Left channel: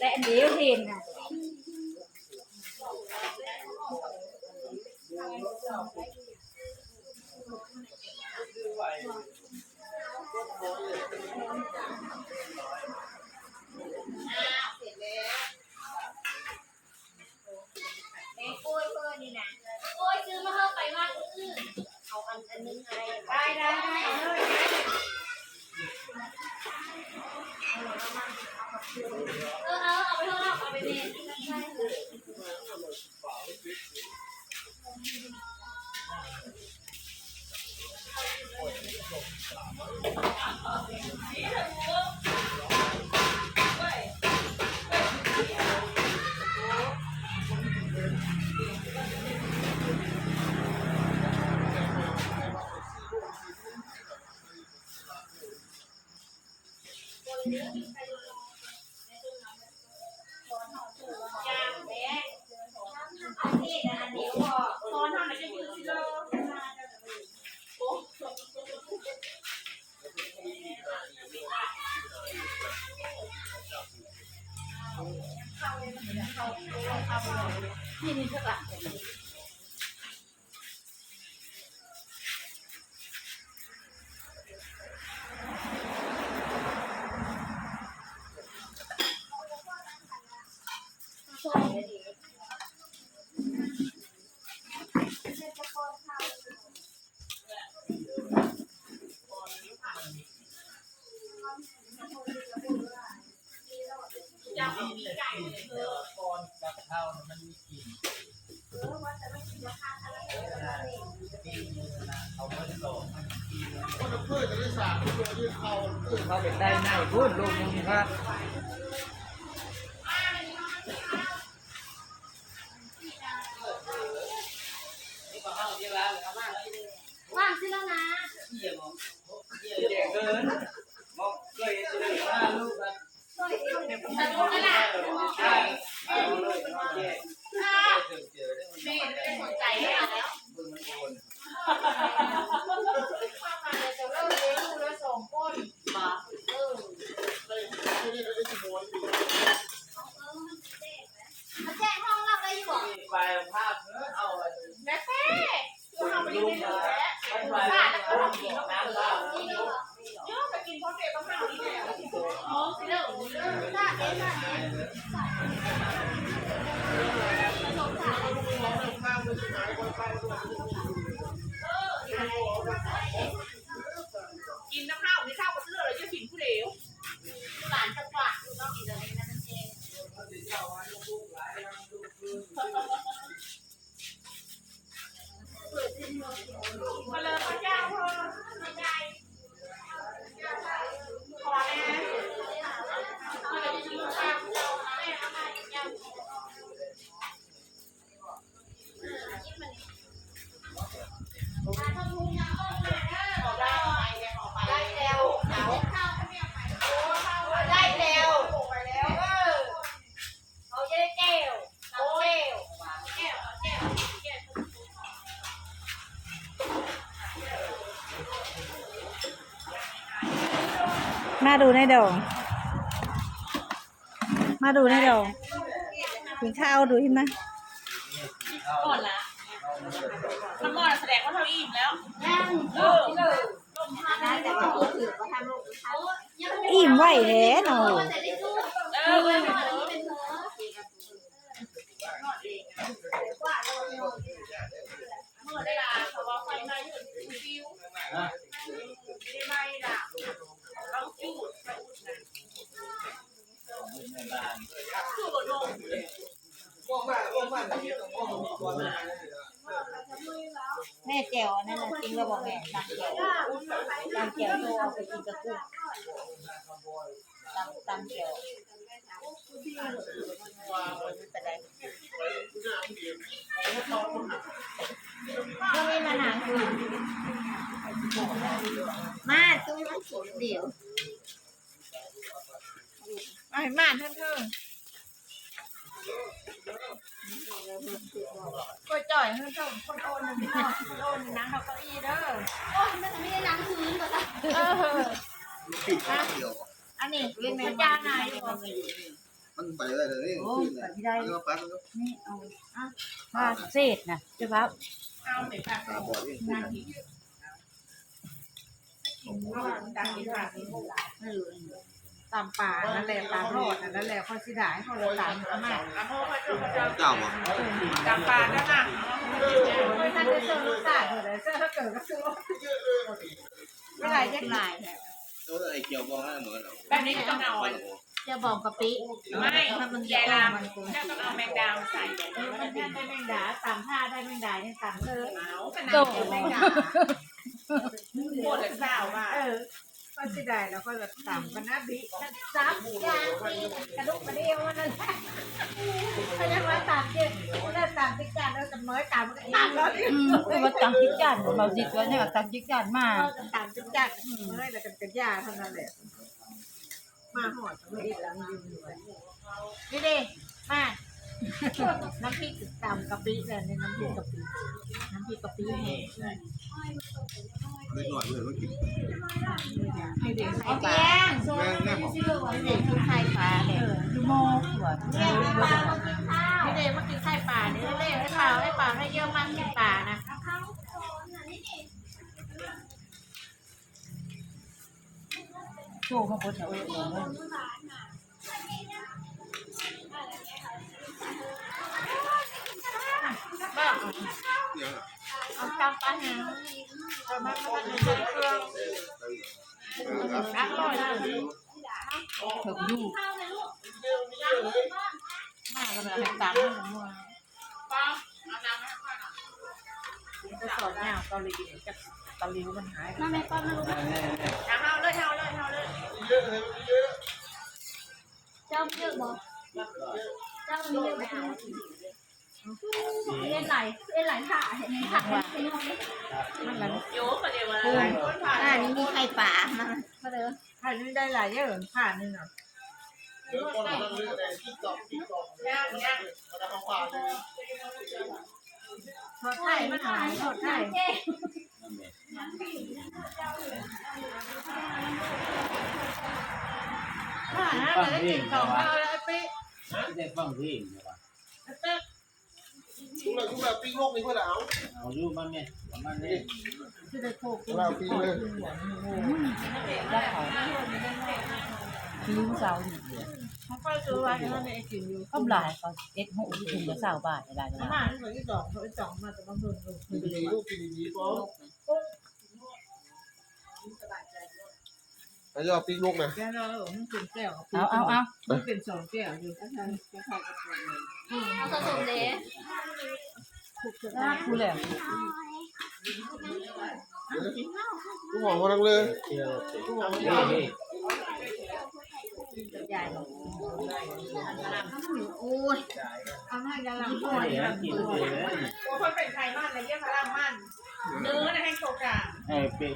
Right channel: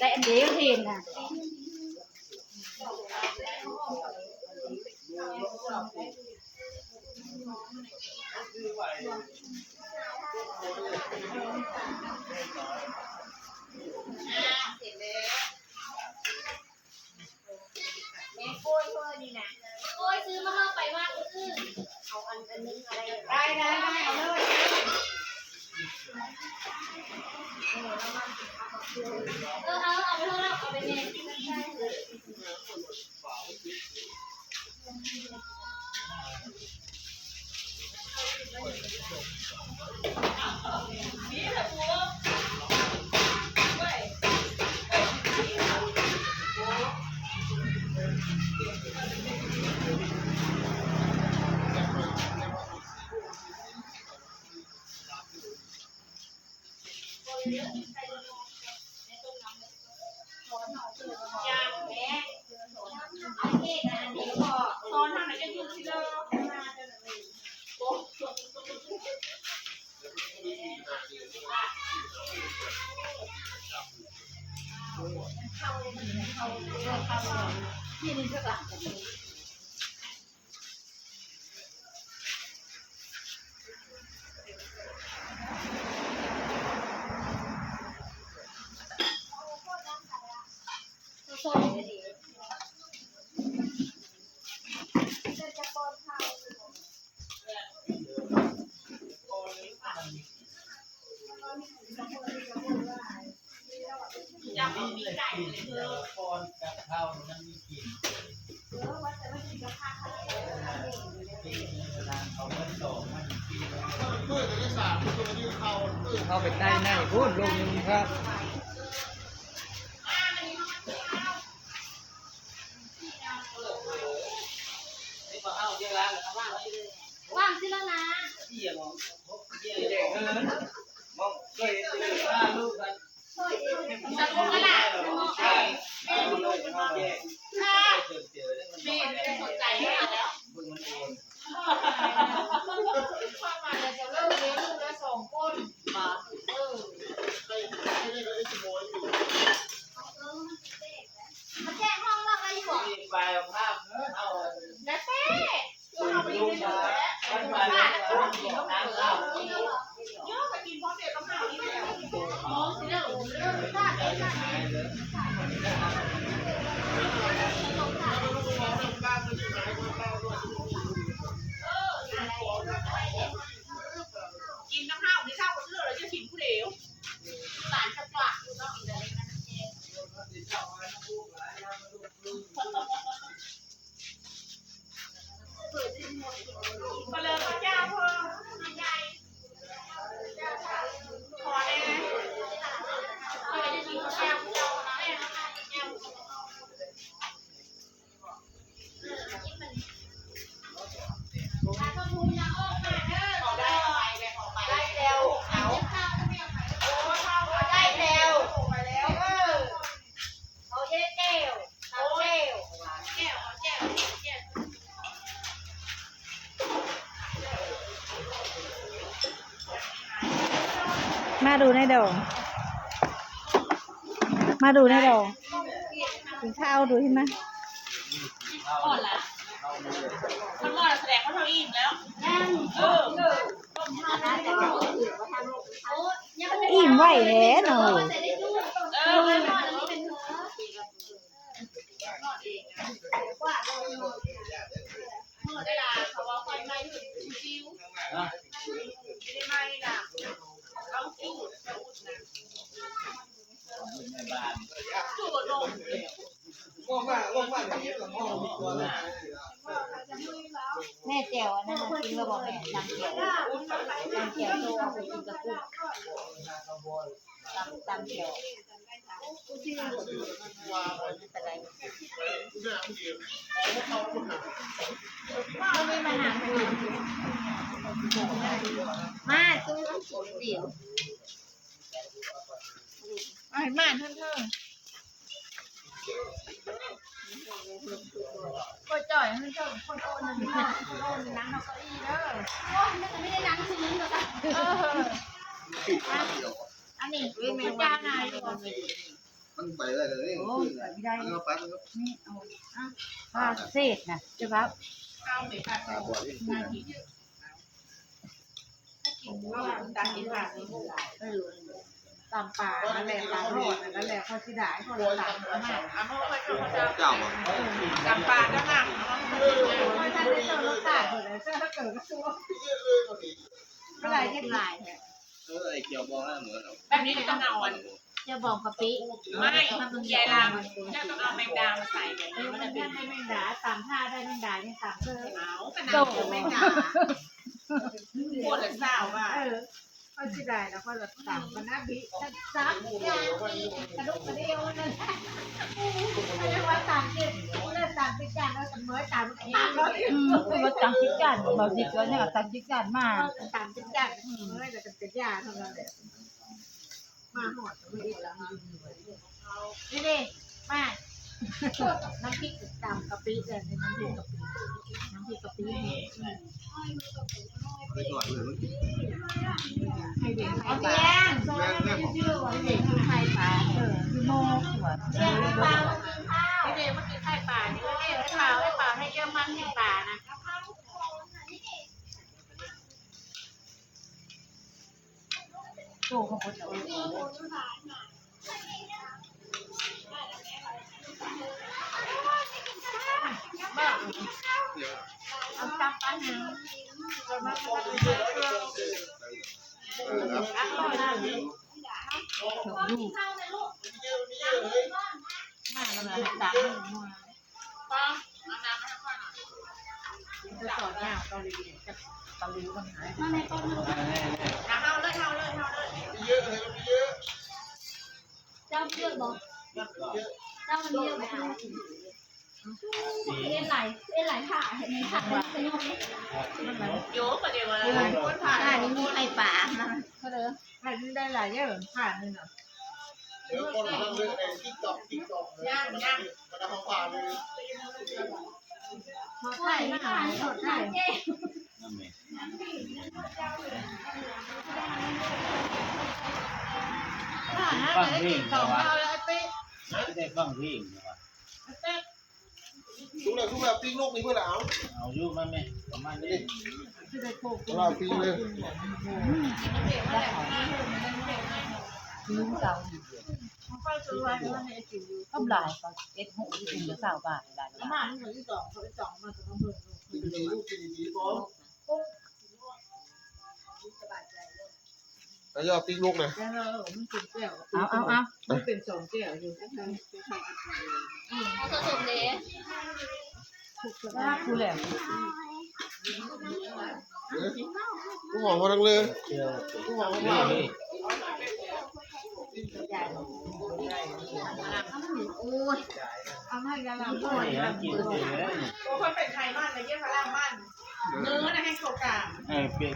ได้อันเดียวเห็นนะได้เอาเลยเอาไปเถอะเอาไปเน้นนี่เท่าไหร่ปอนกับข้าวมันมีกลิ่นเขาเบิ้ลโตมันกินเขาเป็นได้ง่ายพูดลงครับนี่มาเข้าเยอะแล้วเอามาแล้วว่างสิแล้วนะเยี่ยมเยี่ยมก็เลยมองเคยลูกกันตัดลูกขนาดใช่เลยเขาแย่เจอได้มันไม่ได้สนใจแล้วมึงมันโอนความหมายจะเลิกเลี้ยงลูกแล้ว2 คนมามันแจ้งห้องเราได้อยู่อ่ะไปภาพเอาแม่เต้ลูกมาไปน้ำข้าวเยอะไปกินพร้อมเด็กก็ไม่กินแล้วอ๋อสิแล้วน่าได้กินน้ำข้าวนี่ข้าวก็เลือดเลยจะกินผู้เดียวหลานจะกลับลูกต้องกินอะไรนั่นเองมาเลยพระเจ้าเพิ่มน้ำใหญ่ขอแน่อะไรจะกินข้าวเจ้าน้ำแม่น้ำไหนเจ้าถ้าต้องทุนยังออกมาเด้อ ขอได้ขอไปได้แล้วเขาข้าวไม่เอาไปโอ้ข้าวได้แล้วไปแล้วเอาเยอะแก้วเอาแก้ว แก้วแก้วแก้วมาดูในดองกินข้าวดูใช่ไหมก่อนละมันแสดงว่าเราอิ่มแล้วต้มทานได้แต่ก็ถือว่าท มไว้แท้เนาะ แต่ได้ลูก มัน เป็นเธอ เมื่อได้ลาเขาว่าไฟไหม้อยู่ซิวไม่ได้ไหม้น่ะต้องจูดจะอุดนะ ในบ้าน จูดลง แม่แจ๋วอันนั้นกินแล้วบอกแม่น้ำแจ๋วน้ำแจ๋วที่เอาไปกินกับกุ้งตำแจ๋วไม่มาหนังคุยมาตู้มันสดเดี่ยวมาเถอะก็จ่อยเพิ่มคนโอนหนึ่งโอนนั่งเอาเก้าอี้เด้อ โอ้ยน่าจะไม่ได้ล้างพื้นหรอก อันนี้เป็นแม่จ้านายอยู่ มันไปได้เลยไม่ได้แล้วปั๊บแล้ว นี่เอา ว่าเศษนะจะว่า ข้าวเด็กผัด ตาบอดที่ นาทีกินก็ดังกินผัดนี่ ตามป่านั่นแหละตามโลดนั่นแหละข้อสิได้ข้อละตามมาก อ่ะเพราะว่าพระเจ้า เจ้า จำปาด้านหลัง ไม่ได้เจอลูกสาวเลยเจอถ้าเกิดก็คือเมื่อไหร่จะหลาย แล้วไอ้เกี่ยวบอลนั่นเหมือนเรา แบบนี้ต้องเอาอัน จะบอกกะปิ ไม่แกลามันถ้าต้องเอาแมงดาใส่แบบนี้มันจะเป็น ได้แมงดาตามผ้าได้แมงดาเนี่ยตามเธอ ขาวเป็นน้ำแมงดาหมดเลยข้าวว่า ก็สิได้แล้วก็แบบตามกันนะบิซ้ำอย่างกระดุกกระเดียวนั่นก็ยังว่าตามเกี่ยวนั่นตามที่การเราจะน้อยตามกันเองเลย ว่าตังจิกจานบ่สิตัวเนี่ยตังจิกจานมา ตามที่การน้อยแต่กันเป็นยาเท่านั้นแหละมาหอดไม่ได้ล้างยืนนี่ดิมาน้ำพริกตามกะปิเลยในน้ำพริกกะปิน้ำพริกกะปิ นี่ ไม่หน่อยเลยมันกิน ให้เด็กให้ปลา แม่แม่บอก ให้เด็กกินไข่ปลา คือโมหัว เด็กกินปลาให้เด็กมากินไข่ปลานี่เด็กให้ปลาให้เยอะมากกินปลานะ โจมาคนเอา เนี่ย เอาจำปลาหนังเอามาเอามา ถึงอยู่ มาเลยให้ตังค์มัว ป้าเอาน้ำให้ป้าหน่อย จะสอนแนวเกาหลีกับเกาหลีมันหาย มาแม่ป้ามาลูก แน่ เอาเลยเอาเลยเอาเลย เจ้าเยอะบอกเจ้ามันเยอะไหมเล่นไหลถ่าเห็นไหมถ่าเป็นยังไง โยกกันเดียวเลยคนผ่าน นี่มีไข่ปลาก็เลยผ่านนี่ได้หลายเยอะผ่านนี่เนาะ ย่างย่าง ทอดไข่มาทอดไข่ นั่นแหละ ฟังเพลงนะวะไม่ได้ฟังเพลงนะวะ ทุกเราปิ้งโลกนี่เพื่อนเอา เอาอยู่มาแม่ประมาณนี้ คือได้โคก เราปิ้งเลย ลืมเสา มันก็ซื้อไว้แล้วในกินอยู่ ก็หลายก็เอ็ดหูถึงจะ20 บาทได้ ขนาดนี้มันที่สองเขาที่สองมาแต่บางคน กินดีลูกกินดีป๊อแล้วยอดปิ้งลูกนะ แกเรามันเป็นแก้ว เอา มันเป็นสองแก้วอยู่ เอาสดๆเลย คือแล้ว ลูกหอมพอทั้งเลย เที่ยวนี่ ใหญ่โอ้ยเอาให้ยาลังด้ว ไม่ ย ได้กินเลย คนเป็นไทยมันอะไรเยอะพลังมันเนื้อนะให้โซกา เออเป็ด